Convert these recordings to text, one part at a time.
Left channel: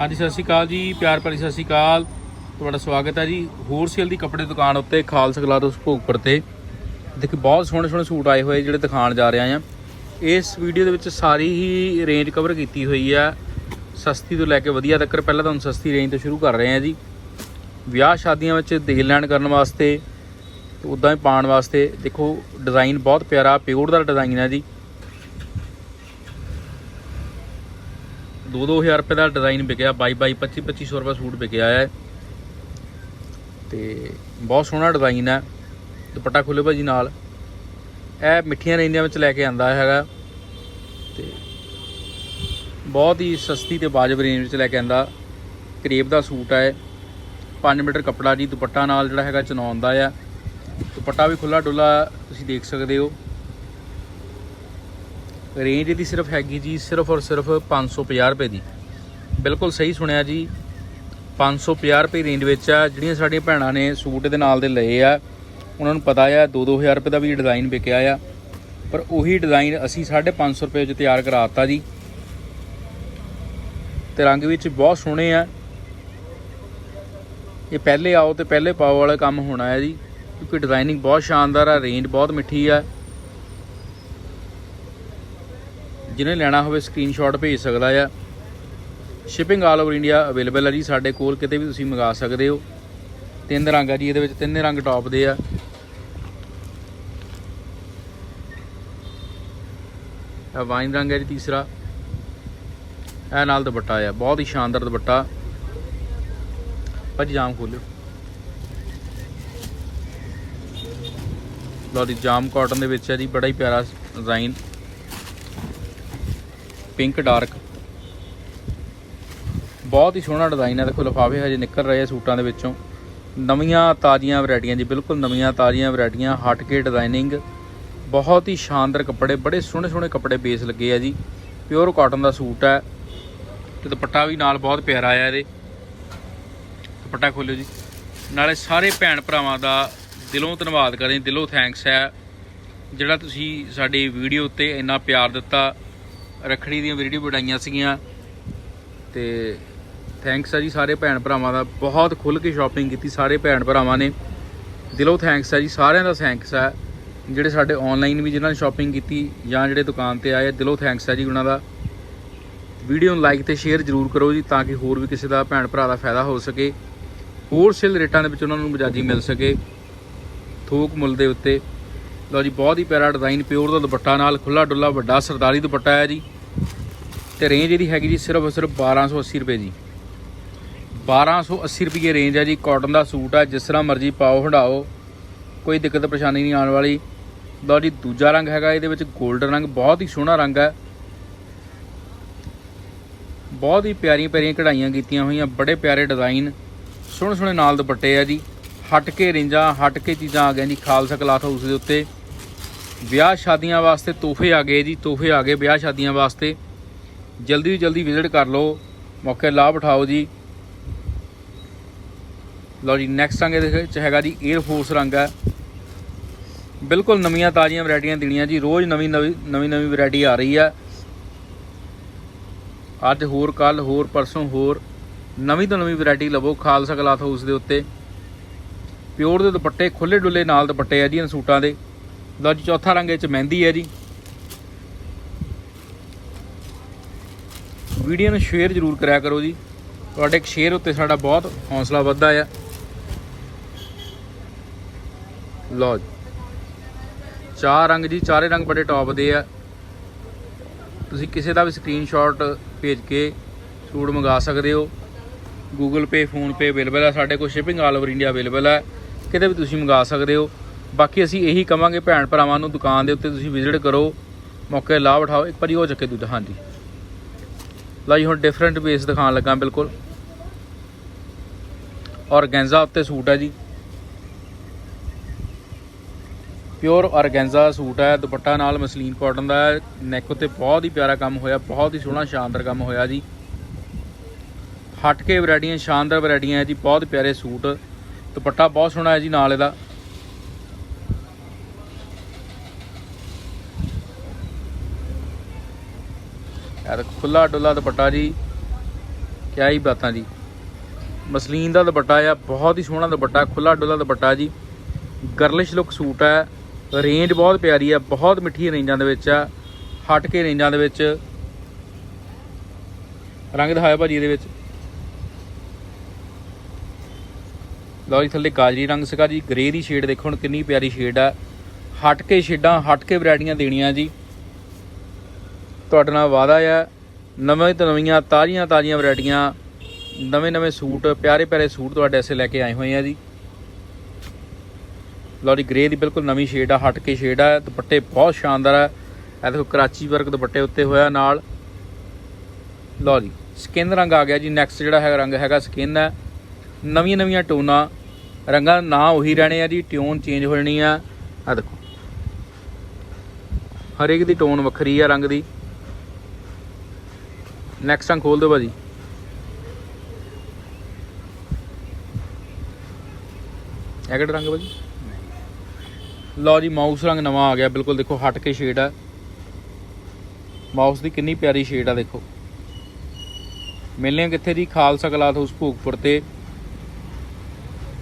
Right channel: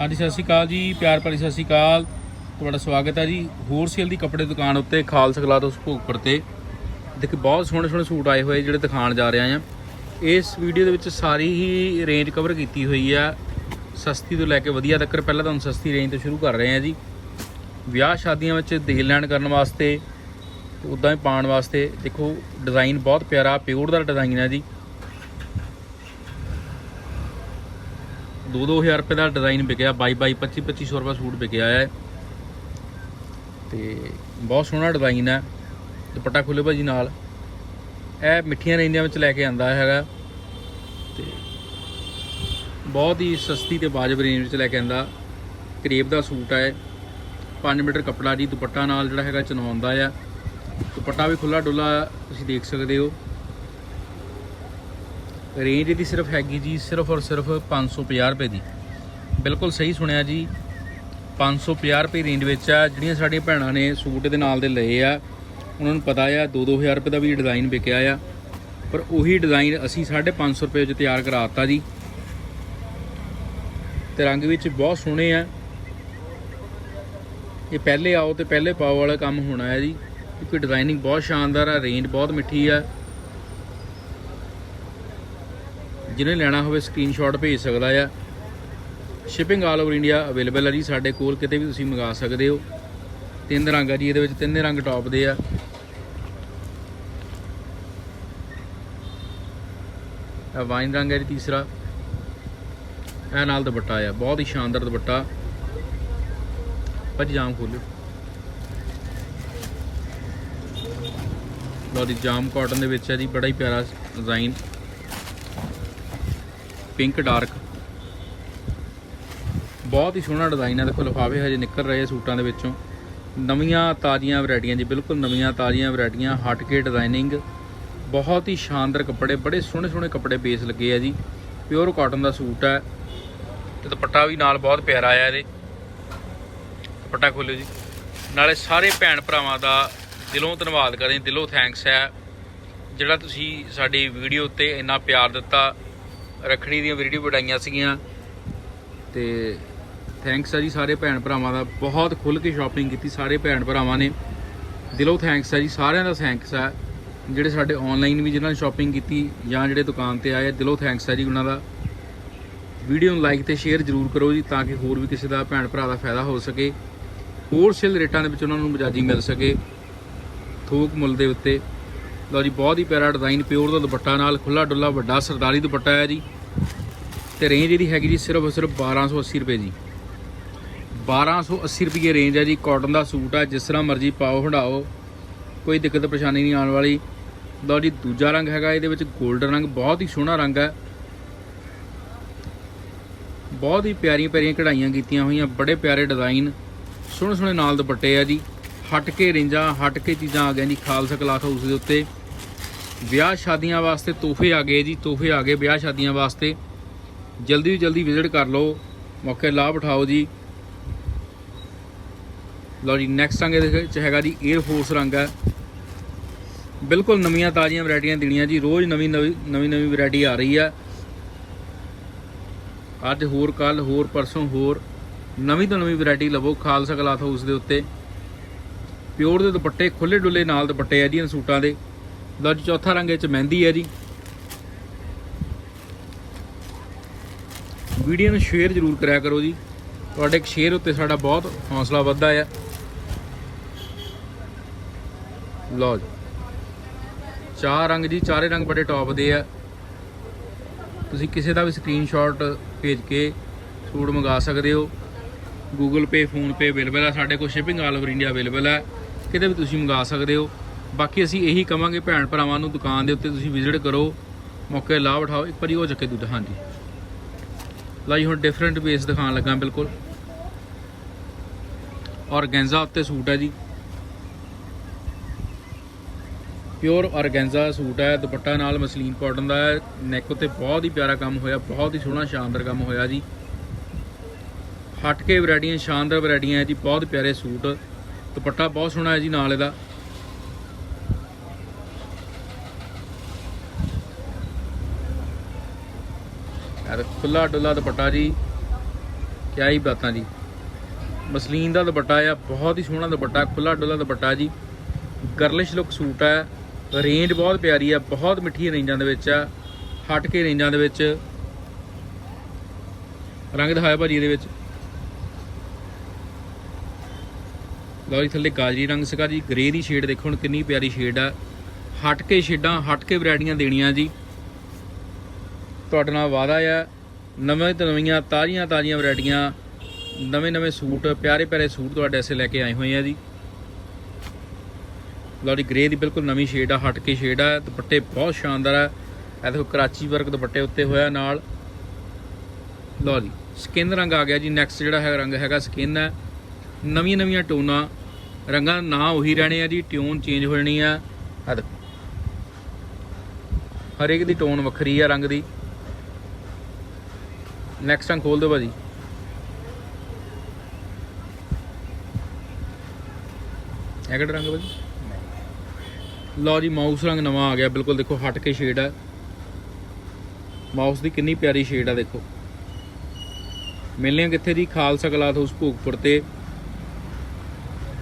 ਹਾਂਜੀ, ਸਤਿ ਸ਼੍ਰੀ ਅਕਾਲ ਜੀ, ਪਿਆਰ ਭਰੀ ਸਤਿ ਸ਼੍ਰੀ ਅਕਾਲ। ਤੁਹਾਡਾ ਸਵਾਗਤ ਹੈ ਜੀ। ਹੋਲਸੇਲ ਦੀ ਕੱਪੜੇ ਦੁਕਾਨ ਉੱਤੇ, ਖਾਲਸਾ ਗਲਾਰੋਸ ਭੋਗਪੁਰ ਤੇ। ਦੇਖੋ, ਬਹੁਤ ਸੋਹਣੇ ਸੋਹਣੇ ਸੂਟ ਆਏ ਹੋਏ ਜਿਹੜੇ ਦਿਖਾਣ ਜਾ ਰਹੇ ਆ ਇਸ ਵੀਡੀਓ ਦੇ ਵਿੱਚ ਸਾਰੀ ਹੀ ਰੇਂਜ ਕਵਰ ਕੀਤੀ ਹੋਈ ਆ। ਸਸਤੀ ਤੋਂ ਲੈ ਕੇ ਵਧੀਆ ਤੱਕ, ਪਹਿਲਾਂ ਤੁਹਾਨੂੰ ਸਸਤੀ ਰੇਂਜ ਤੋਂ ਸ਼ੁਰੂ ਕਰ ਰਹੇ ਆ ਜੀ। ਵਿਆਹ ਸ਼ਾਦੀਆਂ ਵਿੱਚ ਦੇਣ ਲੈਣ ਕਰਨ ਵਾਸਤੇ, ਉਦਾਂ ਹੀ ਪਾਉਣ ਵਾਸਤੇ। ਦੇਖੋ ਡਿਜ਼ਾਈਨ ਬਹੁਤ ਪਿਆਰਾ ਪਿਓਰ ਦਾ ਡਿਜ਼ਾਈਨ ਹੈ ਜੀ। 2-2000 ਰੁਪਏ ਦਾ ਡਿਜ਼ਾਈਨ ਵਿਕਿਆ 22 25 2500 ਰੁਪਏ ਸੂਟ ਵਿਕਿਆ ਹੈ। ਤੇ ਬਹੁਤ ਸੋਹਣਾ ਡਿਜ਼ਾਈਨ ਹੈ, ਦੁਪੱਟਾ ਖੁੱਲੇ ਭਾਜੀ ਨਾਲ। ਇਹ ਮਿੱਠੀਆਂ ਰੇਂਜਾਂ ਵਿੱਚ ਲੈ ਕੇ ਆਂਦਾ ਹੈਗਾ। ਤੇ ਬਹੁਤ ਹੀ ਸਸਤੀ ਤੇ ਵਾਜਬ ਰੇਂਜ ਵਿੱਚ ਲੈ ਕੇ ਆਂਦਾ। ਕਰੇਬ ਦਾ ਸੂਟ ਹੈ। 5 ਮੀਟਰ ਕੱਪੜਾ ਜੀ, ਦੁਪੱਟਾ ਨਾਲ ਜਿਹੜਾ ਹੈਗਾ ਚਨਾਉਂਦਾ ਆ। ਦੁਪੱਟਾ ਵੀ ਖੁੱਲਾ ਡੁੱਲਾ ਤੁਸੀਂ ਦੇਖ ਸਕਦੇ ਹੋ। ਰੇਂਜ ਇਹਦੀ ਸਿਰਫ ਹੈਗੀ ਜੀ, ਸਿਰਫ ਔਰ ਸਿਰਫ 550 ਰੁਪਏ ਦੀ। ਬਿਲਕੁਲ ਸਹੀ ਸੁਣਿਆ ਜੀ। 550 ਰੁਪਏ ਰੇਂਜ ਵਿੱਚ ਆ। ਜਿਹੜੀਆਂ ਸਾਡੀਆਂ ਭੈਣਾਂ ਨੇ ਸੂਟ ਦੇ ਨਾਲ ਦੇ ਲਏ ਆ, ਉਹਨਾਂ ਨੂੰ ਪਤਾ ਆ 2-2000 ਰੁਪਏ ਦਾ ਵੀ ਡਿਜ਼ਾਈਨ ਵਿਕਿਆ ਆ। ਪਰ ਉਹੀ ਡਿਜ਼ਾਈਨ ਅਸੀਂ 550 ਰੁਪਏ ਵਿੱਚ ਤਿਆਰ ਕਰਾਤਾ ਜੀ। ਤੇ ਰੰਗ ਵਿੱਚ ਬਹੁਤ ਸੋਹਣੇ ਆ। ਇਹ ਪਹਿਲੇ ਆਓ ਤੇ ਪਹਿਲੇ ਪਾਓ ਵਾਲਾ ਕੰਮ ਹੋਣਾ ਹੈ ਜੀ। ਕਿਉਂਕਿ ਡਿਜ਼ਾਈਨਿੰਗ ਬਹੁਤ ਸ਼ਾਨਦਾਰ ਆ, ਰੇਂਜ ਬਹੁਤ ਮਿੱਠੀ ਆ। ਜਿਹਨੇ ਲੈਣਾ ਹੋਵੇ ਸਕਰੀਨਸ਼ਾਟ ਭੇਜ ਸਕਦਾ ਆ। Shipping all over India available ਹੈ ਜੀ, ਸਾਡੇ ਕੋਲ ਕਿਤੇ ਵੀ ਤੁਸੀਂ ਮੰਗਾ ਸਕਦੇ ਹੋ। ਤਿੰਨ ਰੰਗ ਆ ਜੀ, ਇਹਦੇ ਵਿੱਚ ਤਿੰਨੇ ਰੰਗ ਟੌਪ ਦੇ ਆ। ਇਹ ਵਾਈਨ ਰੰਗ ਹੈ ਜੀ ਤੀਸਰਾ। ਇਹ ਨਾਲ ਦੁਪੱਟਾ ਆ, ਬਹੁਤ ਹੀ ਸ਼ਾਨਦਾਰ ਦੁਪੱਟਾ। ਭਾਜੀ ਜਾਮ ਖੋਲਿਓ। ਲਓ ਜੀ, ਜਾਮ ਕਾਟਨ ਦੇ ਵਿੱਚ ਹੈ ਜੀ, ਬੜਾ ਹੀ ਪਿਆਰਾ ਡਿਜ਼ਾਈਨ ਪਿੰਕ ਡਾਰਕ। ਬਹੁਤ ਹੀ ਸੋਹਣਾ ਡਿਜ਼ਾਈਨ ਹੈ ਦੇਖੋ ਲਿਫਾਫੇ ਹਜੇ ਨਿਕਲ ਰਹੇ ਆ ਸੂਟਾਂ ਦੇ ਵਿੱਚੋਂ। ਨਵੀਆਂ ਤਾਜ਼ੀਆਂ ਵੈਰਾਈਟੀਆਂ ਜੀ, ਬਿਲਕੁਲ ਨਵੀਆਂ ਤਾਜ਼ੀਆਂ ਵੈਰਾਈਟੀਆਂ, ਹਟ ਕੇ ਡਿਜ਼ਾਈਨਿੰਗ। ਬਹੁਤ ਹੀ ਸ਼ਾਨਦਾਰ ਕੱਪੜੇ, ਬੜੇ ਸੋਹਣੇ ਸੋਹਣੇ ਕੱਪੜੇ ਬੇਸ ਲੱਗੇ ਆ ਜੀ। ਪਿਓਰ ਕਾਟਨ ਦਾ ਸੂਟ ਹੈ ਤੇ ਦੁਪੱਟਾ ਵੀ ਨਾਲ ਬਹੁਤ ਪਿਆਰਾ ਆਇਆ ਇਹਦੇ। ਦੁਪੱਟਾ ਖੋਲਿਓ ਜੀ। ਨਾਲੇ ਸਾਰੇ ਭੈਣ ਭਰਾਵਾਂ ਦਾ ਦਿਲੋਂ ਧੰਨਵਾਦ ਕਰਦੇ ਦਿਲੋਂ ਥੈਂਕਸ ਹੈ ਜਿਹੜਾ ਤੁਸੀਂ ਸਾਡੀ ਵੀਡੀਓ ਉੱਤੇ ਇੰਨਾ ਪਿਆਰ ਦਿੱਤਾ ਰੱਖੜੀ ਦੀਆਂ ਵੀਡੀਓ ਬਣਾਈਆਂ ਸੀਗੀਆਂ। ਤੇ ਥੈਂਕਸ ਹੈ ਜੀ ਸਾਰੇ ਭੈਣ ਭਰਾਵਾਂ ਦਾ। ਬਹੁਤ ਖੁੱਲ ਕੇ ਸ਼ਾਪਿੰਗ ਕੀਤੀ ਸਾਰੇ ਭੈਣ ਭਰਾਵਾਂ ਨੇ। ਦਿਲੋਂ ਥੈਂਕਸ ਹੈ ਜੀ, ਸਾਰਿਆਂ ਦਾ ਥੈਂਕਸ ਹੈ ਜਿਹੜੇ ਸਾਡੇ ਆਨਲਾਈਨ ਵੀ ਜਿਨ੍ਹਾਂ ਨੇ ਸ਼ਾਪਿੰਗ ਕੀਤੀ ਜਾਂ ਜਿਹੜੇ ਦੁਕਾਨ ਤੇ ਆਏ ਦਿਲੋਂ ਥੈਂਕਸ ਹੈ ਜੀ ਉਹਨਾਂ ਦਾ। ਵੀਡੀਓ ਨੂੰ ਲਾਈਕ ਤੇ ਸ਼ੇਅਰ ਜ਼ਰੂਰ ਕਰੋ ਜੀ ਤਾਂ ਕਿ ਹੋਰ ਵੀ ਕਿਸੇ ਦਾ ਭੈਣ ਭਰਾ ਦਾ ਫਾਇਦਾ ਹੋ ਸਕੇ। ਹੋਲਸੇਲ ਰੇਟਾਂ ਦੇ ਵਿੱਚ ਉਹਨਾਂ ਨੂੰ ਮਜਾਜੀ ਮਿਲ ਸਕੇ। ਥੋਕ ਮੁੱਲ ਦੇ ਉੱਤੇ। ਲਓ ਜੀ, ਬਹੁਤ ਹੀ ਪਿਆਰਾ ਡਿਜ਼ਾਈਨ ਪਿਓਰ ਦਾ ਦੁਪੱਟਾ ਨਾਲ ਖੁੱਲਾ ਡੁੱਲਾ, ਵੱਡਾ ਸਰਦਾਰੀ ਦੁਪੱਟਾ ਹੈ ਜੀ। ਤੇ ਰੇਂਜ ਇਹਦੀ ਹੈਗੀ ਜੀ ਸਿਰਫ ਸਿਰਫ 1280 ਰੁਪਏ ਜੀ। 1280 ਰੁਪਏ ਰੇਂਜ ਹੈ ਜੀ ਕਾਟਨ ਦਾ ਸੂਟ ਹੈ, ਜਿਸ ਤਰ੍ਹਾਂ ਮਰਜ਼ੀ ਪਾਓ, ਹੰਡਾਓ, ਕੋਈ ਦਿੱਕਤ ਪਰੇਸ਼ਾਨੀ ਨਹੀਂ ਆਉਣ ਵਾਲੀ। ਲਓ ਜੀ, ਦੂਜਾ ਰੰਗ ਹੈਗਾ, ਇਹਦੇ ਵਿੱਚ 골ਡਨ ਰੰਗ, ਬਹੁਤ ਹੀ ਸੋਹਣਾ ਰੰਗ ਹੈ। ਬਹੁਤ ਹੀ ਪਿਆਰੀਆਂ ਪਿਆਰੀਆਂ ਕਢਾਈਆਂ ਕੀਤੀਆਂ ਹੋਈਆਂ, ਬੜੇ ਪਿਆਰੇ ਡਿਜ਼ਾਈਨ ਸੋਹਣੇ ਸੋਹਣੇ ਨਾਲ ਦੁਪੱਟੇ ਆ ਜੀ। ਹਟ ਕੇ ਰੇਂਜਾਂ, ਹਟ ਕੇ ਚੀਜ਼ਾਂ ਆ ਗਈਆਂ ਜੀ, ਖਾਲਸਾ ਕਲਾਥ ਹਾਊਸ ਦੇ ਉੱਤੇ। ਵਿਆਹ ਸ਼ਾਦੀਆਂ ਵਾਸਤੇ ਤੋਹਫੇ ਆ ਗਏ ਜੀ, ਤੋਹਫੇ ਆ ਗਏ ਵਿਆਹ ਸ਼ਾਦੀਆਂ ਵਾਸਤੇ। ਜਲਦੀ ਤੋਂ ਜਲਦੀ ਵਿਜ਼ਿਟ ਕਰ ਲਓ, ਮੌਕੇ ਲਾਭ ਉਠਾਓ ਜੀ। ਲਓ ਜੀ ਨੈਕਸਟ ਰੰਗ ਇਹਦੇ ਵਿੱਚ ਹੈਗਾ ਜੀ 에ਅਰ ਫੋਰਸ ਰੰਗ ਹੈ। ਬਿਲਕੁਲ ਨਵੀਆਂ ਤਾਜ਼ੀਆਂ ਵੈਰਾਈਟੀਆਂ ਦੇਣੀਆਂ ਜੀ, ਰੋਜ਼ ਨਵੀਂ ਨਵੀਂ ਨਵੀਂ ਨਵੀਂ ਵੈਰਾਈਟੀ ਆ ਰਹੀ ਆ ਅੱਜ ਹੋਰ ਕੱਲ ਹੋਰ, ਪਰਸੋਂ ਹੋਰ, ਨਵੀਂ ਤੋਂ ਨਵੀਂ ਵੈਰਾਈਟੀ ਲਵੋ ਖਾਲਸਾ ਕਲਾਥ ਹਾਊਸ ਦੇ ਉੱਤੇ। ਪਿਓਰ ਦੇ ਦੁਪੱਟੇ ਖੁੱਲੇ ਡੁੱਲੇ ਨਾਲ ਦੁਪੱਟੇ ਆ ਜੀ ਇਹਨਾਂ ਸੂਟਾਂ ਦੇ। ਲਓ ਜੀ, ਚੌਥਾ ਰੰਗ ਇਹ ਚ ਮਹਿੰਦੀ ਹੈ ਜੀ। ਵੀਡੀਓ ਨੂੰ ਸ਼ੇਅਰ ਜ਼ਰੂਰ ਕਰਿਆ ਕਰੋ ਜੀ। ਤੁਹਾਡੇ ਇੱਕ ਸ਼ੇਅਰ ਉੱਤੇ ਸਾਡਾ ਬਹੁਤ ਹੌਸਲਾ ਵੱਧਦਾ ਆ। ਲਓ ਜੀ। ਚਾਰ ਰੰਗ ਜੀ, ਚਾਰੇ ਰੰਗ ਬੜੇ ਟੌਪ ਦੇ ਆ। ਤੁਸੀਂ ਕਿਸੇ ਦਾ ਵੀ ਸਕਰੀਨਸ਼ਾਟ ਭੇਜ ਕੇ ਸੂਟ ਮੰਗਾ ਸਕਦੇ ਹੋ। Google Pay, Phone Pay available ਹੈ ਸਾਡੇ ਕੋਲ shipping all over India available ਹੈ ਕਿਤੇ ਵੀ ਤੁਸੀਂ ਮੰਗਾ ਸਕਦੇ ਹੋ। ਬਾਕੀ ਅਸੀਂ ਇਹੀ ਕਵਾਂਗੇ ਭੈਣ ਭਰਾਵਾਂ ਨੂੰ, ਦੁਕਾਨ ਦੇ ਉੱਤੇ ਤੁਸੀਂ ਵਿਜ਼ਿਟ ਕਰੋ। ਮੌਕੇ ਲਾਭ ਉਠਾਓ। ਇੱਕ ਵਾਰੀ ਉਹ ਚੱਕੇ ਦੁੱਧ, ਹਾਂਜੀ। ਲਾਈ ਹੁਣ ਡਿਫਰੈਂਟ ਬੇਸ ਦਿਖਾਉਣ ਲੱਗਾ ਬਿਲਕੁਲ। ਔਰਗੈਂਜ਼ਾ ਉੱਤੇ ਸੂਟ ਹੈ ਜੀ। ਪਿਓਰ ਔਰਗੈਂਜ਼ਾ ਸੂਟ ਹੈ, ਦੁਪੱਟਾ ਨਾਲ ਮਸਲੀਨ ਕਾਟਨ ਦਾ ਨੈਕ ਉੱਤੇ ਬਹੁਤ ਹੀ ਪਿਆਰਾ ਕੰਮ ਹੋਇਆ, ਬਹੁਤ ਹੀ ਸੋਹਣਾ, ਸ਼ਾਨਦਾਰ ਕੰਮ ਹੋਇਆ ਜੀ। ਹਟ ਕੇ ਵੈਰਾਈਟੀਆਂ ਸ਼ਾਨਦਾਰ ਵੈਰਾਈਟੀਆਂ ਹੈ ਜੀ, ਬਹੁਤ ਪਿਆਰੇ ਸੂਟ। ਦੁਪੱਟਾ ਬਹੁਤ ਸੋਹਣਾ ਹੈ ਜੀ ਨਾਲ ਇਹਦਾ। ਯਾਰ ਖੁੱਲਾ ਡੁੱਲਾ ਦੁਪੱਟਾ ਜੀ, ਕਿਆ ਹੀ ਬਾਤਾਂ ਜੀ। ਮਸਲੀਨ ਦਾ ਦੁਪੱਟਾ ਆ, ਬਹੁਤ ਹੀ ਸੋਹਣਾ ਦੁਪੱਟਾ ਖੁੱਲਾ ਡੁੱਲਾ ਦੁਪੱਟਾ ਜੀ। ਗਰਲਿਸ਼ ਲੁੱਕ ਸੂਟ ਹੈ ਰੇਂਜ ਬਹੁਤ ਪਿਆਰੀ ਆ ਬਹੁਤ ਮਿੱਠੀ ਰੇਂਜਾਂ ਦੇ ਵਿੱਚ ਆ, ਹਟ ਕੇ ਰੇਂਜਾਂ ਦੇ ਵਿੱਚ। ਰੰਗ ਦਿਖਾਇਆ ਭਾਜੀ ਇਹਦੇ ਵਿੱਚ। ਲਓ ਜੀ, ਥੱਲੇ ਗਾਜਰੀ ਰੰਗ ਸੀਗਾ ਜੀ ਗ੍ਰੇ ਦੀ ਸ਼ੇਡ ਦੇਖੋ ਹੁਣ ਕਿੰਨੀ ਪਿਆਰੀ ਸ਼ੇਡ ਆ। ਹਟ ਕੇ ਸ਼ੇਡਾਂ ਹਟ ਕੇ ਵੈਰਾਈਟੀਆਂ ਦੇਣੀਆਂ ਜੀ। ਤੁਹਾਡੇ ਨਾਲ ਵਾਅਦਾ ਆ, ਨਵੇਂ ਤੋਂ ਨਵੀਆਂ, ਤਾਜ਼ੀਆਂ ਤਾਜ਼ੀਆਂ ਵੈਰਾਈਟੀਆਂ ਨਵੇਂ ਨਵੇਂ ਸੂਟ, ਪਿਆਰੇ ਪਿਆਰੇ ਸੂਟ ਤੁਹਾਡੇ ਐਸੇ ਲੈ ਕੇ ਆਏ ਹੋਏ ਆ ਜੀ। ਲਓ ਜੀ ਗ੍ਰੇ ਦੀ ਬਿਲਕੁਲ ਨਵੀਂ ਸ਼ੇਡ ਆ ਹਟ ਕੇ ਸ਼ੇਡ ਆ, ਦੁਪੱਟੇ ਬਹੁਤ ਸ਼ਾਨਦਾਰ ਆ। ਇਹ ਦੇਖੋ ਕਰਾਚੀ ਵਰਕ ਦੁਪੱਟੇ ਉੱਤੇ ਹੋਇਆ ਨਾਲ। ਲਓ ਜੀ ਸਕਿਨ ਰੰਗ ਆ ਗਿਆ ਜੀ ਨੈਕਸਟ ਜਿਹੜਾ ਹੈ ਰੰਗ ਹੈਗਾ ਸਕਿਨ ਹੈ ਨਵੀਆਂ ਨਵੀਆਂ ਟੋਨਾਂ ਰੰਗਾਂ ਨਾ ਉਹੀ ਰਹਿਣੇ ਆ ਜੀ ਟਿਊਨ ਚੇਂਜ ਹੋ ਜਾਣੀ ਆ। ਆ ਦੇਖੋ। ਹਰੇਕ ਦੀ ਟੋਨ ਵੱਖਰੀ ਆ ਰੰਗ ਦੀ। ਨੈਕਸਟ ਰੰਗ ਖੋਲ ਦਿਓ ਭਾਜੀ। ਇਹ ਕਿਹੜਾ ਰੰਗ ਹੈ ਭਾਜੀ? ਲਓ ਜੀ ਮਾਊਸ ਰੰਗ ਨਵਾਂ ਆ ਗਿਆ। ਬਿਲਕੁਲ ਦੇਖੋ, ਹਟ ਕੇ ਸ਼ੇਡ ਆ। ਮਾਊਸ ਦੀ ਕਿੰਨੀ ਪਿਆਰੀ ਸ਼ੇਡ ਆ, ਦੇਖੋ। ਮਿਲਨੇ ਕਿੱਥੇ ਜੀ? ਖਾਲਸਾ ਕਲਾਥ ਹਾਊਸ ਭੋਗਪੁਰ ਤੇ।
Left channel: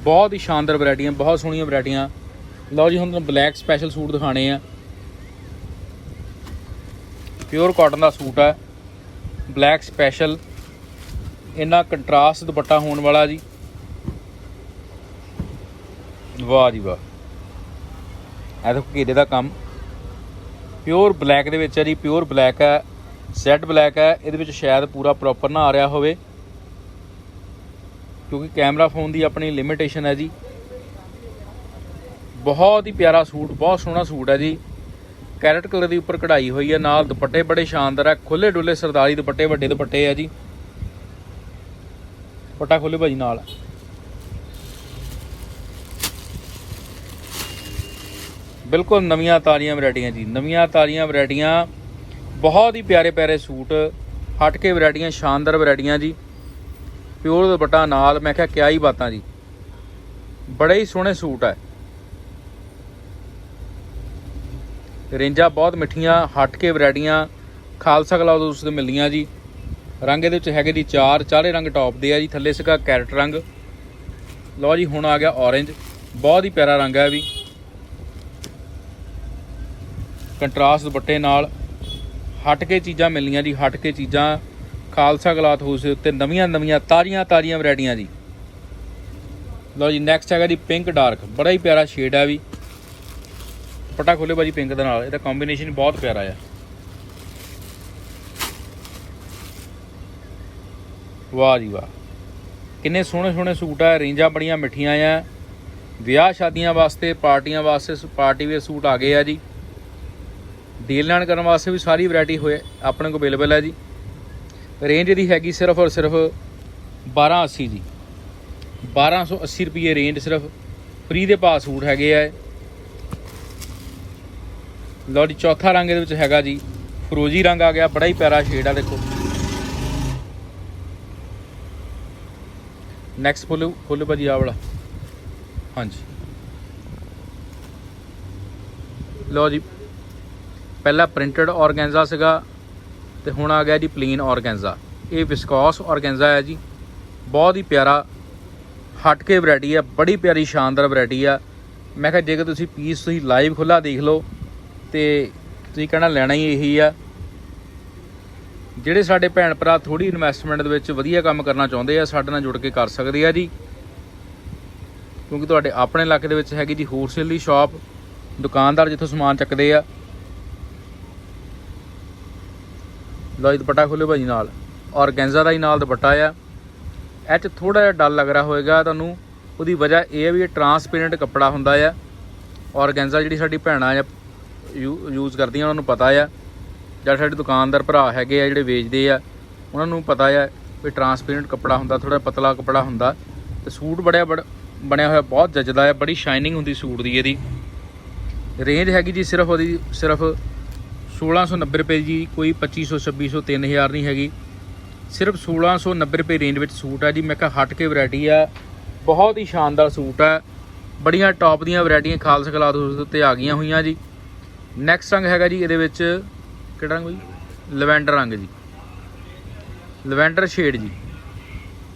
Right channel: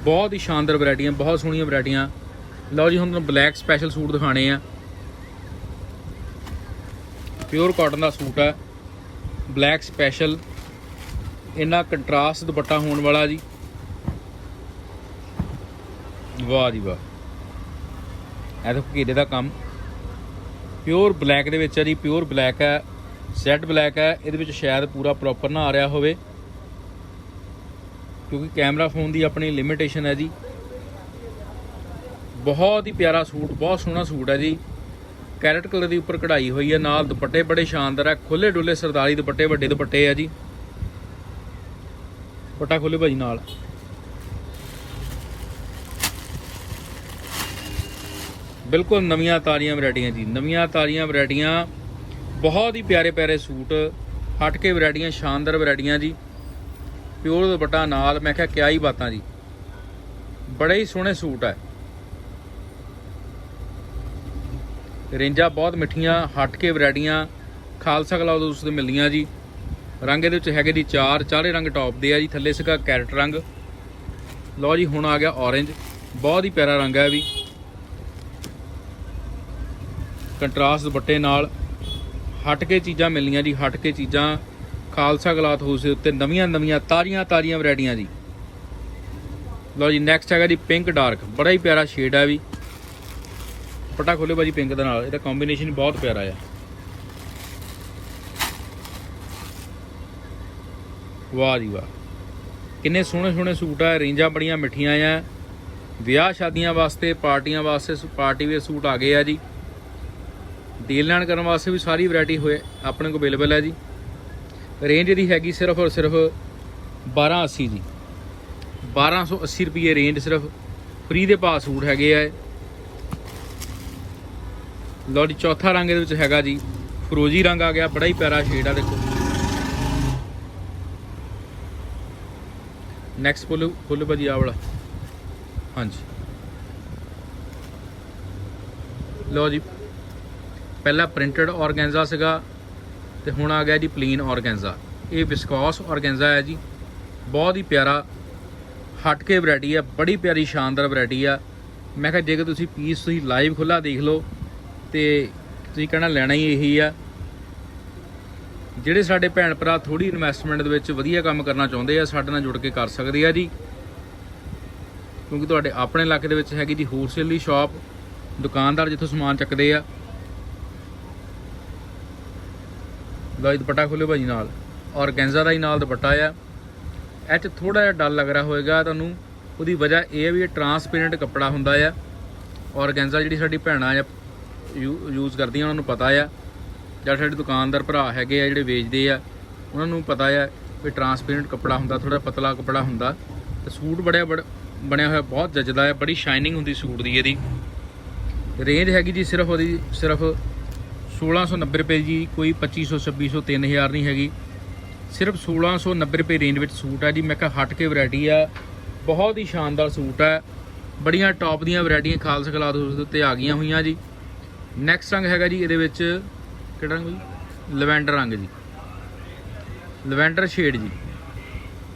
ਬਹੁਤ ਹੀ ਸ਼ਾਨਦਾਰ ਵੈਰਾਈਟੀਆਂ, ਬਹੁਤ ਸੋਹਣੀਆਂ ਵੈਰਾਈਟੀਆਂ। ਲਓ ਜੀ, ਹੁਣ ਤੁਹਾਨੂੰ ਬਲੈਕ ਸਪੈਸ਼ਲ ਸੂਟ ਦਿਖਾਣੇ ਆ। ਪਿਓਰ ਕਾਟਨ ਦਾ ਸੂਟ ਹੈ ਬਲੈਕ ਸਪੈਸ਼ਲ ਇੰਨਾ ਕੰਟਰਾਸਟ ਦੁਪੱਟਾ ਹੋਣ ਵਾਲਾ ਜੀ। ਵਾਹ ਜੀ ਵਾਹ। ਇਹ ਦੇਖੋ ਘੇਰੇ ਦਾ ਕੰਮ। ਪਿਓਰ ਬਲੈਕ ਦੇ ਵਿੱਚ ਹੈ ਜੀ ਪਿਓਰ ਬਲੈਕ ਹੈ ਸੈਟ ਬਲੈਕ ਹੈ ਇਹਦੇ ਵਿੱਚ ਸ਼ਾਇਦ ਪੂਰਾ ਪ੍ਰੋਪਰ ਨਾ ਆ ਰਿਹਾ ਹੋਵੇ। ਕਿਉਂਕਿ ਕੈਮਰਾ ਫੋਨ ਦੀ ਆਪਣੀ ਲਿਮਿਟੇਸ਼ਨ ਹੈ ਜੀ। ਬਹੁਤ ਹੀ ਪਿਆਰਾ ਸੂਟ, ਬਹੁਤ ਸੋਹਣਾ ਸੂਟ ਹੈ ਜੀ। ਕੈਰਟ ਕਲਰ ਦੀ ਉੱਪਰ ਕਢਾਈ ਹੋਈ ਹੈ, ਨਾਲ ਦੁਪੱਟੇ ਬੜੇ ਸ਼ਾਨਦਾਰ ਆ। ਖੁੱਲੇ ਡੁੱਲੇ ਸਰਦਾਰੀ ਦੁਪੱਟੇ, ਵੱਡੇ ਦੁਪੱਟੇ ਆ ਜੀ। ਪੱਟਾ ਖੋਲੇ ਭਾਜੀ ਨਾਲ। ਬਿਲਕੁਲ ਨਵੀਆਂ ਤਾਰੀਆਂ ਵੈਰਾਈਟੀਆਂ ਜੀ, ਨਵੀਆਂ ਤਾਰੀਆਂ ਵੈਰਾਈਟੀਆਂ, ਬਹੁਤ ਹੀ ਪਿਆਰੇ ਪਿਆਰੇ ਸੂਟ, ਹਟ ਕੇ ਵੈਰਾਈਟੀਆਂ, ਸ਼ਾਨਦਾਰ ਵੈਰਾਈਟੀਆਂ ਜੀ। ਪਿਓਰ ਦੁਪੱਟਾ ਨਾਲ, ਮੈਂ ਕਿਹਾ ਕਿਆ ਹੀ ਬਾਤਾਂ ਜੀ। ਬੜੇ ਹੀ ਸੋਹਣੇ ਸੂਟ ਹੈ ਰੇਂਜਾਂ ਬਹੁਤ ਮਿੱਠੀਆਂ, ਹਟ ਕੇ ਵੈਰਾਈਟੀਆਂ, ਖਾਲਸਾ ਕਲਾਉਦ ਉਸ ਦੇ ਮਿਲਦੀਆਂ ਜੀ। ਰੰਗ ਇਹਦੇ ਵਿੱਚ ਹੈਗੇ ਜੀ ਚਾਰ, ਚਾਰੇ ਰੰਗ ਟੌਪ ਦੇ ਆ ਜੀ, ਥੱਲੇ ਸੀਗਾ ਕੈਰਟ ਰੰਗ। ਲਓ ਜੀ, ਹੁਣ ਆ ਗਿਆ orange, ਬਹੁਤ ਹੀ ਪਿਆਰਾ ਰੰਗ ਹੈ ਵੀ। ਕੰਟਰਾਸਟ ਦੁਪੱਟੇ ਨਾਲ, ਹਟ ਕੇ ਚੀਜ਼ਾਂ ਮਿਲਣੀਆਂ ਜੀ, ਹਟ ਕੇ ਚੀਜ਼ਾਂ। ਖਾਲਸਾ ਗਲਾਤ ਹਾਊਸ ਦੇ ਉੱਤੇ ਨਵੀਆਂ ਨਵੀਆਂ ਤਾਜ਼ੀਆਂ ਤਾਜ਼ੀਆਂ ਵੈਰਾਈਟੀਆਂ ਜੀ। ਲਓ ਜੀ ਨੈਕਸਟ ਹੈਗਾ ਜੀ ਪਿੰਕ ਡਾਰਕ ਬੜਾ ਹੀ ਪਿਆਰਾ ਸ਼ੇਡ ਹੈ ਵੀ। ਪਟਾ ਖੋਲੇ ਬਾਜੀ ਪਿੰਕ ਦੇ ਨਾਲ, ਇਹਦਾ ਕੰਬੀਨੇਸ਼ਨ ਬਹੁਤ ਪਿਆਰਾ ਆ। ਵਾਹ ਜੀ ਵਾਹ। ਕਿੰਨੇ ਸੋਹਣੇ ਸੋਹਣੇ ਸੂਟ ਆ, ਰੇਂਜਾਂ ਬੜੀਆਂ ਮਿੱਠੀਆਂ ਆ। ਵਿਆਹ ਸ਼ਾਦੀਆਂ ਵਾਸਤੇ, ਪਾਰਟੀਆਂ ਵਾਸਤੇ ਪਾਰਟੀ ਵੇਅਰ ਸੂਟ ਆ ਗਏ ਆ ਜੀ। ਡੀਲ ਲੈਣ ਕਰਨ ਵਾਸਤੇ ਵੀ ਸਾਰੀ ਵੈਰਾਈਟੀ ਹੋਏ, ਆਪਣੇ ਕੋਲ ਅਵੇਲੇਬਲ ਹੈ ਜੀ। ਰੇਂਜ ਇਹਦੀ ਹੈਗੀ ਸਿਰਫ ਔਰ ਸਿਰਫ 1280 ਜੀ 1280 ਰੁਪਏ ਰੇਂਜ ਸਿਰਫ। ਫ੍ਰੀ ਦੇ ਭਾਅ ਸੂਟ ਹੈਗੇ ਆ ਇਹ। ਲਓ ਜੀ, ਚੌਥਾ ਰੰਗ ਇਹਦੇ ਵਿੱਚ ਹੈਗਾ ਜੀ। ਫਰੋਜੀ ਰੰਗ ਆ ਗਿਆ, ਬੜਾ ਹੀ ਪਿਆਰਾ ਸ਼ੇਡ ਆ ਦੇਖੋ। ਨੈਕਸਟ ਫੁੱਲ ਫੁੱਲ ਭਾਜੀ ਆ ਵਾਲਾ। ਹਾਂਜੀ। ਲਓ ਜੀ, ਪਹਿਲਾ ਪ੍ਰਿੰਟਡ ਆਰਗੈਂਜ਼ਾ ਸੀਗਾ। ਤੇ ਹੁਣ ਆ ਗਿਆ ਜੀ ਪਲੇਨ ਔਰਗੈਂਜਾ। ਇਹ ਵਿਸਕੋਸ ਔਰਗੈਂਜਾ ਹੈ ਜੀ। ਬਹੁਤ ਹੀ ਪਿਆਰਾ ਹਟ ਕੇ ਵੈਰਾਈਟੀ ਆ ਬੜੀ ਪਿਆਰੀ ਸ਼ਾਨਦਾਰ ਵੈਰਾਈਟੀ ਆ ਮੈਂ ਕਿਹਾ, ਜੇਕਰ ਤੁਸੀਂ ਪੀਸ ਤੁਸੀਂ ਲਾਈਵ ਖੁੱਲਾ ਦੇਖ ਲਓ, ਤੇ ਤੁਸੀਂ ਕਹਿਣਾ ਲੈਣਾ ਹੀ ਇਹੀ ਆ। ਜਿਹੜੇ ਸਾਡੇ ਭੈਣ ਭਰਾ ਥੋੜੀ ਇਨਵੈਸਟਮੈਂਟ ਦੇ ਵਿੱਚ ਵਧੀਆ ਕੰਮ ਕਰਨਾ ਚਾਹੁੰਦੇ ਆ, ਸਾਡੇ ਨਾਲ ਜੁੜ ਕੇ ਕਰ ਸਕਦੇ ਆ ਜੀ। ਕਿਉਂਕਿ ਤੁਹਾਡੇ ਆਪਣੇ ਇਲਾਕੇ ਦੇ ਵਿੱਚ ਹੈਗੀ ਜੀ ਹੋਲਸੇਲ ਦੀ ਸ਼ਾਪ ਦੁਕਾਨਦਾਰ ਜਿੱਥੋਂ ਸਮਾਨ ਚੱਕਦੇ ਆ। ਲਓ ਜੀ ਦੁਪੱਟਾ ਖੋਲਿਓ ਭਾਜੀ ਨਾਲ। ਔਰਗੈਂਜ਼ਾ ਦਾ ਹੀ ਨਾਲ ਦੁਪੱਟਾ ਆ। ਇਹ 'ਚ ਥੋੜਾ ਜਿਹਾ ਡਲ ਲੱਗ ਰਿਹਾ ਹੋਵੇਗਾ ਤੁਹਾਨੂੰ। ਉਹਦੀ ਵਜ੍ਹਾ ਇਹ ਹੈ ਵੀ ਇਹ ਟਰਾਂਸਪੇਰੈਂਟ ਕੱਪੜਾ ਹੁੰਦਾ ਆ। ਔਰਗੈਂਜ਼ਾ ਜਿਹੜੀ ਸਾਡੀ ਭੈਣਾਂ ਆ ਯੂਜ਼ ਕਰਦੀਆਂ, ਉਹਨਾਂ ਨੂੰ ਪਤਾ ਆ। ਜਾਂ ਸਾਡੇ ਦੁਕਾਨਦਾਰ ਭਰਾ ਹੈਗੇ ਆ ਜਿਹੜੇ ਵੇਚਦੇ ਆ, ਉਹਨਾਂ ਨੂੰ ਪਤਾ ਆ ਵੀ ਟਰਾਂਸਪੇਰੈਂਟ ਕੱਪੜਾ ਹੁੰਦਾ ਥੋੜਾ ਪਤਲਾ ਕੱਪੜਾ ਹੁੰਦਾ। ਤੇ ਸੂਟ ਬੜਿਆ ਬੜ, ਬਣਿਆ ਹੋਇਆ ਬਹੁਤ ਜੱਜਦਾ ਆ, ਬੜੀ ਸ਼ਾਈਨਿੰਗ ਹੁੰਦੀ ਸੂਟ ਦੀ ਇਹਦੀ। ਰੇਂਜ ਹੈਗੀ ਜੀ ਸਿਰਫ ਉਹਦੀ, ਸਿਰਫ 1690 ਰੁਪਏ ਜੀ, ਕੋਈ 2500 2600 3000 ਨਹੀਂ ਹੈਗੀ। ਸਿਰਫ 1690 ਰੁਪਏ ਰੇਂਜ ਵਿੱਚ ਸੂਟ ਆ ਜੀ। ਮੈਂ ਕਿਹਾ ਹਟ ਕੇ ਵੈਰਾਈਟੀ ਆ। ਬਹੁਤ ਹੀ ਸ਼ਾਨਦਾਰ ਸੂਟ ਹੈ ਬੜੀਆਂ ਟੌਪ ਦੀਆਂ ਵੈਰਾਈਟੀਆਂ ਖਾਲਸਾ ਕਲਾਦ ਹਾਊਸ ਦੇ ਉੱਤੇ ਆ ਗਈਆਂ ਹੋਈਆਂ ਜੀ। ਨੈਕਸਟ ਰੰਗ ਹੈਗਾ ਜੀ, ਇਹਦੇ ਵਿੱਚ ਕਿਹੜਾ ਰੰਗ ਜੀ ਲਵੈਂਡਰ ਰੰਗ ਜੀ। ਲਵੈਂਡਰ ਸ਼ੇਡ ਜੀ।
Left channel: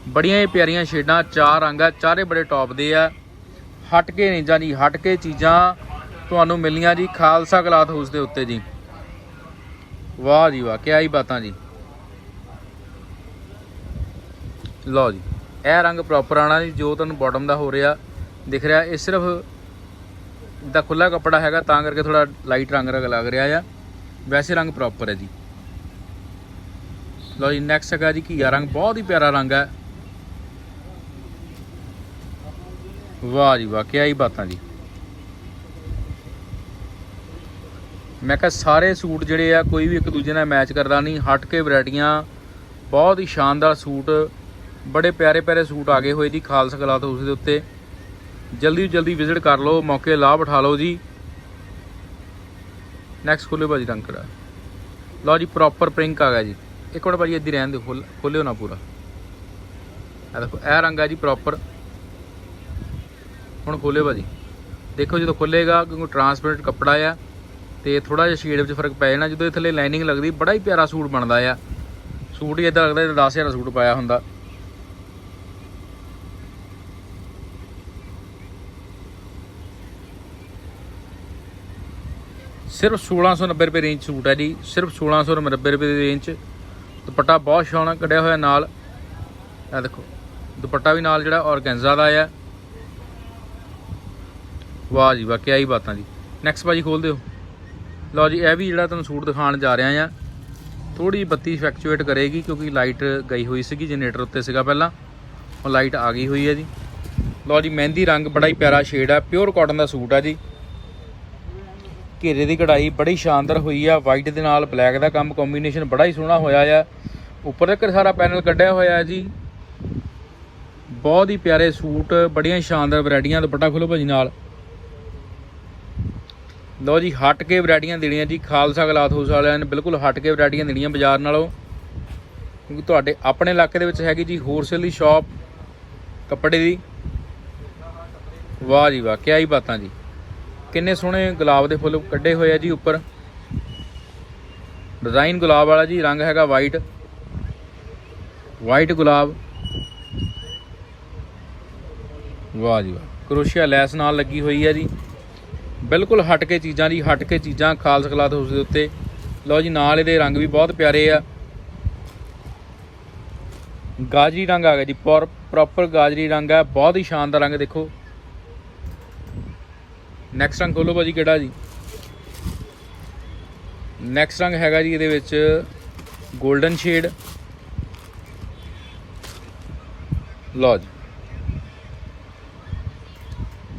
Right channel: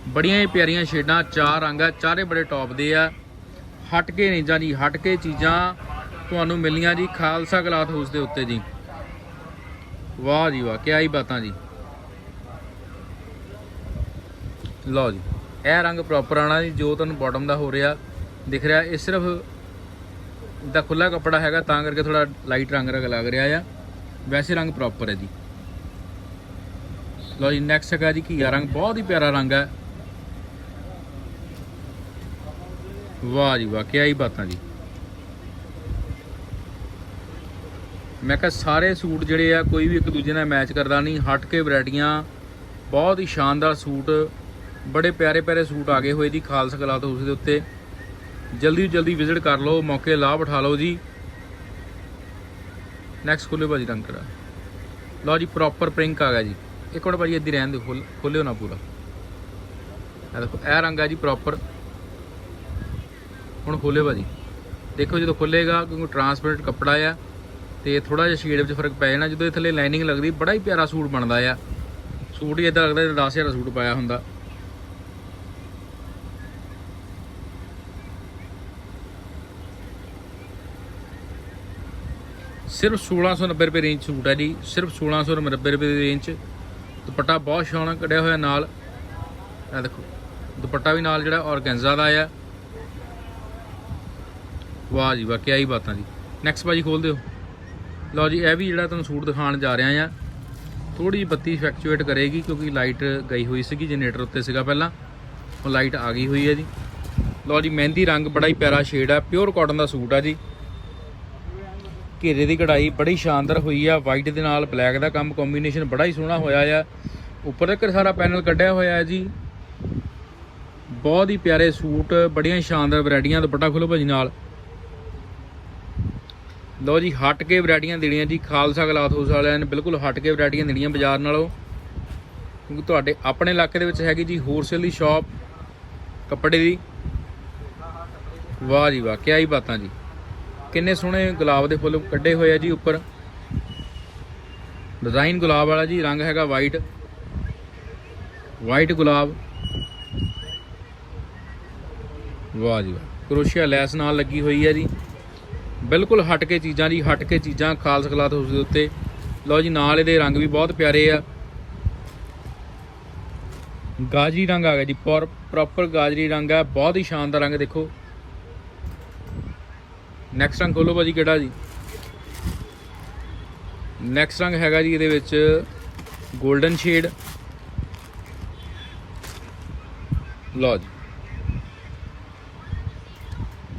ਬੜੀਆਂ ਹੀ ਪਿਆਰੀਆਂ ਸ਼ੇਡਾਂ ਚਾਰ ਰੰਗ ਆ, ਚਾਰੇ ਬੜੇ ਟੌਪ ਦੇ ਆ। ਹਟ ਕੇ ਨਹੀਂ ਜਾਨੀ ਹਟ ਕੇ ਚੀਜ਼ਾਂ ਤੁਹਾਨੂੰ ਮਿਲੀਆਂ ਜੀ ਖਾਲਸਾ ਕਲਾਥ ਹਾਊਸ ਦੇ ਉੱਤੇ ਜੀ। ਵਾਹ ਜੀ ਵਾਹ, ਕਿਆ ਹੀ ਬਾਤਾਂ ਜੀ। ਲਓ ਜੀ, ਇਹ ਰੰਗ ਪ੍ਰੋਪਰ ਆਣਾ ਜੀ, ਜੋ ਤੁਹਾਨੂੰ ਬਾਟਮ ਦਾ ਹੋ ਰਿਹਾ, ਦਿਖ ਰਿਹਾ, ਇਹ ਸਿਰਫ ਦਾ ਖੁੱਲਾ ਕੱਪੜਾ ਹੈਗਾ, ਤਾਂ ਕਰਕੇ ਥੋੜਾ ਲਾਈਟ ਰੰਗ ਰੰਗ ਲੱਗ ਰਿਹਾ ਆ। ਵੈਸੇ ਰੰਗ ਪ੍ਰੋਪਰ ਹੈ ਜੀ। ਲਓ ਜੀ ਨੈਕਸਟ ਹੈਗਾ ਜੀ ਘੀਆ ਰੰਗ, ਬਹੁਤ ਹੀ ਪਿਆਰਾ ਰੰਗ ਹੈ। ਵਾਹ ਜੀ ਵਾਹ, ਕਿਆ ਹੀ ਬਾਤਾਂ ਜੀ। ਮੈਂ ਕਿਹਾ ਸਾਰੇ ਸੂਟ ਜਿਹੜੇ ਆ, ਕੋਈ ਵੀ ਇੱਕ ਦੂਜੇ ਨਾਲ ਮੈਚ ਕਰਦਾ ਨਹੀਂ। ਹਟ ਕੇ ਵੈਰਾਈਟੀਆਂ, ਬਹੁਤ ਹੀ ਸ਼ਾਨਦਾਰ ਸੂਟ, ਬੜੇ ਪਿਆਰੇ ਪਿਆਰੇ ਸੂਟ ਆ ਗਏ ਹੋਏ ਜੀ, ਖਾਲਸਾ ਕਲਾਥ ਹਾਊਸ ਦੇ ਉੱਤੇ। ਜਲਦੀ ਤੋਂ ਜਲਦੀ ਵਿਜ਼ਿਟ ਕਰ ਲਓ, ਮੌਕੇ ਲਾਭ ਉਠਾ ਲਓ ਜੀ। ਨੈਕਸਟ ਖੋਲਿਓ ਭਾਜੀ ਰੰਗ ਕਰਾ ਲਓ ਜੀ ਪ੍ਰੋਪਰ ਪ੍ਰਿੰਕ ਆ ਗਿਆ ਜੀ। ਇੱਕ ਮਿੰਟ ਭਾਜੀ ਇੱਦੀ ਰਹਿਣ ਦਿਓ, ਖੋਲ- ਖੋਲਿਓ ਨਾ ਪੂਰਾ। ਆ ਦੇਖੋ, ਇਹ ਰੰਗ ਆ ਜੀ ਪ੍ਰੋਪਰ ਹੁਣ ਖੋਲਿਓ ਭਾਜੀ। ਦੇਖੋ ਜਦੋਂ ਖੁੱਲੇਗਾ, ਕਿਉਂਕਿ ਟਰਾਂਸਪੇਰੈਂਟ ਕੱਪੜਾ ਆ। ਤੇ ਥੋੜਾ ਜਿਹਾ ਸ਼ੇਡ ਵਿੱਚ ਫ਼ਰਕ ਪੈ ਜਾਣਾ, ਜਦੋਂ ਇਹ ਥੱਲੇ ਲਾਈਨਿੰਗ ਲੱਗਦੀ, ਬੜਾ ਹੀ ਪਿਆਰਾ ਸੂਟ ਬਣਦਾ ਆ। ਸੂਟ ਹੀ ਇਦਾਂ ਲੱਗਦਾ ਜਿਵੇਂ 10000 ਦਾ ਸੂਟ ਪਾਇਆ ਹੁੰਦਾ। ਸਿਰਫ 1690 ਰੁਪਏ ਰੇਂਜ ਸੂਟ ਹੈ ਜੀ, ਸਿਰਫ 1690 ਰੁਪਏ ਦੀ ਰੇਂਜ ਚ ਦੁਪੱਟਾ ਬਹੁਤ ਸੋਹਣਾ ਕੱਢਿਆ ਹੋਇਆ ਨਾਲ। ਇਹ ਦੇਖੋ, ਦੁਪੱਟਾ ਵੀ ਨਾਲ ਜਿਹੜਾ ਔਰਗੈਂਜ਼ਾ ਦਾ ਆ। ਵਾਹ ਜੀ ਵਾਹ ਕੀ ਹੀ ਬਾਤਾਂ ਜੀ। ਨੈਕਸਟ ਭਾਜੀ ਖੋਲ ਦਿਓ। ਲਓ ਜੀ, ਇਹ ਵੀ ਜਿਹੜਾ ਤੁਹਾਨੂੰ ਸੂਟ ਦਿਖਾਉਣ ਜਾ ਰਿਹਾ ਆ ਥੋੜੀ ਜਿਹੀ ਬੱਤੀ ਫੈਕਚੁਏਟ ਕਰੇਗੀ ਕਿਉਂਕਿ ਲਾਈਟ ਗਈ ਹੋਈ ਸੀਗੀ ਜਨਰੇਟਰ ਉੱਤੇ ਸੀਗਾ ਪਹਿਲਾਂ। ਹੁਣ ਲਾਈਟ ਆ ਗਈ ਹੋਈ ਹੈ ਜੀ। ਲਓ ਜੀ, ਮਹਿੰਦੀ ਰੰਗ ਬੜਾ ਹੀ ਪਿਆਰਾ ਸ਼ੇਡ ਆ ਪਿਓਰ ਕਾਟਨ ਦਾ ਸੂਟ ਆ ਜੀ। ਘੇਰੇ ਦੀ ਕਢਾਈ ਬੜੀ ਸ਼ਾਨਦਾਰ ਹੋਈ ਆ ਵਾਈਟ ਦੇ ਨਾਲ ਬਲੈਕ ਦਾ ਕੰਮ ਕੰਬੀਨੇਸ਼ਨ ਬੜਾ ਹੀ ਸੋਹਣਾ ਹੋਇਆ ਆ। ਉੱਪਰ ਤੱਕ ਸਾਰਾ ਪੈਨਲ ਕੱਢਿਆ ਹੋਇਆ ਜੀ। ਬਹੁਤ ਹੀ ਪਿਆਰੇ ਸੂਟ, ਬੜੀਆਂ ਸ਼ਾਨਦਾਰ ਵੈਰਾਈਟੀਆਂ, ਦੁਪੱਟਾ ਖੋਲੋ ਭਾਜੀ ਨਾਲ। ਲਓ ਜੀ, ਹਟ ਕੇ ਵੈਰਾਈਟੀਆਂ ਦੇਣੀਆਂ ਜੀ, ਖਾਲਸਾ ਗਲਾਥ ਹਾਊਸ ਵਾਲਿਆਂ ਨੇ ਬਿਲਕੁਲ ਹਟ ਕੇ ਵੈਰਾਈਟੀਆਂ ਦੇਣੀਆਂ ਬਾਜ਼ਾਰ ਨਾਲੋਂ। ਕਿਉਂਕਿ ਤੁਹਾਡੇ ਆਪਣੇ ਇਲਾਕੇ ਦੇ ਵਿੱਚ ਹੈਗੀ ਜੀ ਹੋਲਸੇਲ ਦੀ ਸ਼ਾਪ ਕੱਪੜੇ ਦੀ। ਵਾਹ ਜੀ ਵਾਹ ਕੀ ਹੀ ਬਾਤਾਂ ਜੀ। ਕਿੰਨੇ ਸੋਹਣੇ ਗੁਲਾਬ ਦੇ ਫੁੱਲ ਕੱਢੇ ਹੋਏ ਆ ਜੀ ਉੱਪਰ। ਡਿਜ਼ਾਈਨ ਗੁਲਾਬ ਵਾਲਾ ਜੀ, ਰੰਗ ਹੈਗਾ ਵਾਈਟ ਵਾਈਟ ਗੁਲਾਬ। ਵਾਹ ਜੀ ਵਾਹ, ਕਰੋਸ਼ੀਆ ਲੈਸ ਨਾਲ ਲੱਗੀ ਹੋਈ ਹੈ ਜੀ। ਬਿਲਕੁਲ ਹਟ ਕੇ ਚੀਜ਼ਾਂ ਜੀ ਹਟ ਕੇ ਚੀਜ਼ਾਂ, ਖਾਲਸ ਕਲਾਥ ਹਾਊਸ ਦੇ ਉੱਤੇ। ਲਓ ਜੀ, ਨਾਲ ਇਹਦੇ ਰੰਗ ਵੀ ਬਹੁਤ ਪਿਆਰੇ ਆ। ਗਾਜਰੀ ਰੰਗ ਆ ਗਿਆ ਜੀ ਪ੍ਰੋਪਰ ਗਾਜਰੀ ਰੰਗ ਹੈ ਬਹੁਤ ਹੀ ਸ਼ਾਨਦਾਰ ਰੰਗ ਦੇਖੋ। ਨੈਕਸਟ ਰੰਗ ਖੋਲੋ ਭਾਜੀ, ਕਿਹੜਾ ਜੀ? ਨੈਕਸਟ ਰੰਗ ਹੈਗਾ ਜੀ ਇਹਦੇ ਵਿੱਚ 골ਡਨ ਸ਼ੇਡ ਲਓ ਜੀ।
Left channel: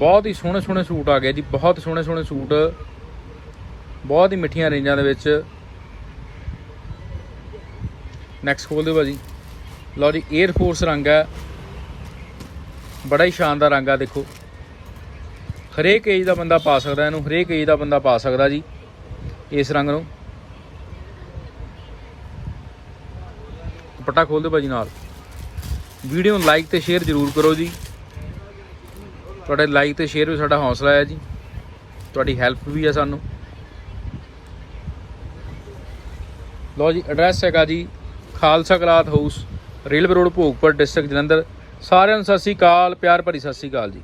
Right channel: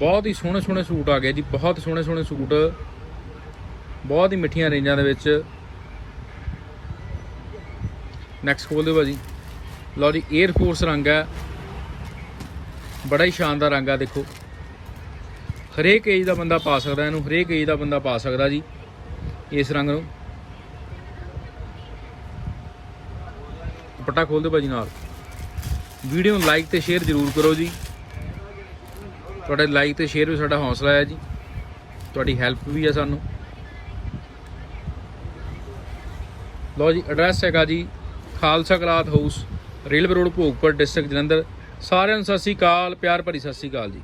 ਬਹੁਤ ਹੀ ਸੋਹਣੇ ਸੋਹਣੇ ਸੂਟ ਆ ਗਏ ਜੀ, ਬਹੁਤ ਸੋਹਣੇ ਸੋਹਣੇ ਸੂਟ। ਬਹੁਤ ਹੀ ਮਿੱਠੀਆਂ ਰੇਂਜਾਂ ਦੇ ਵਿੱਚ। ਨੈਕਸਟ ਖੋਲ ਦਿਓ ਭਾਜੀ। ਲਓ ਜੀ 에ਅਰ ਫੋਰਸ ਰੰਗ ਹੈ। ਬੜਾ ਹੀ ਸ਼ਾਨਦਾਰ ਰੰਗ ਆ, ਦੇਖੋ। ਹਰੇਕ ਏਜ ਦਾ ਬੰਦਾ ਪਾ ਸਕਦਾ ਇਹਨੂੰ, ਹਰੇਕ ਏਜ ਦਾ ਬੰਦਾ ਪਾ ਸਕਦਾ ਜੀ, ਇਸ ਰੰਗ ਨੂੰ। ਦੁਪੱਟਾ ਖੋਲ ਦਿਓ ਭਾਜੀ ਨਾਲ। ਵੀਡੀਓ ਨੂੰ ਲਾਈਕ ਤੇ ਸ਼ੇਅਰ ਜ਼ਰੂਰ ਕਰੋ ਜੀ। ਤੁਹਾਡੇ ਲਾਈਕ ਤੇ ਸ਼ੇਅਰ ਵੀ ਸਾਡਾ ਹੌਸਲਾ ਹੈ ਜੀ। ਤੁਹਾਡੀ ਹੈਲਪ ਵੀ ਹੈ ਸਾਨੂੰ। ਲਓ ਜੀ ਐਡਰੈਸ ਹੈਗਾ ਜੀ, Khalsa cloth house, railway road, Bhogpur district Jalandhar. ਸਾਰਿਆਂ ਨੂੰ ਸਤਿ ਸ੍ਰੀ ਅਕਾਲ, ਪਿਆਰ ਭਰੀ ਸਤਿ ਸ੍ਰੀ ਅਕਾਲ ਜੀ।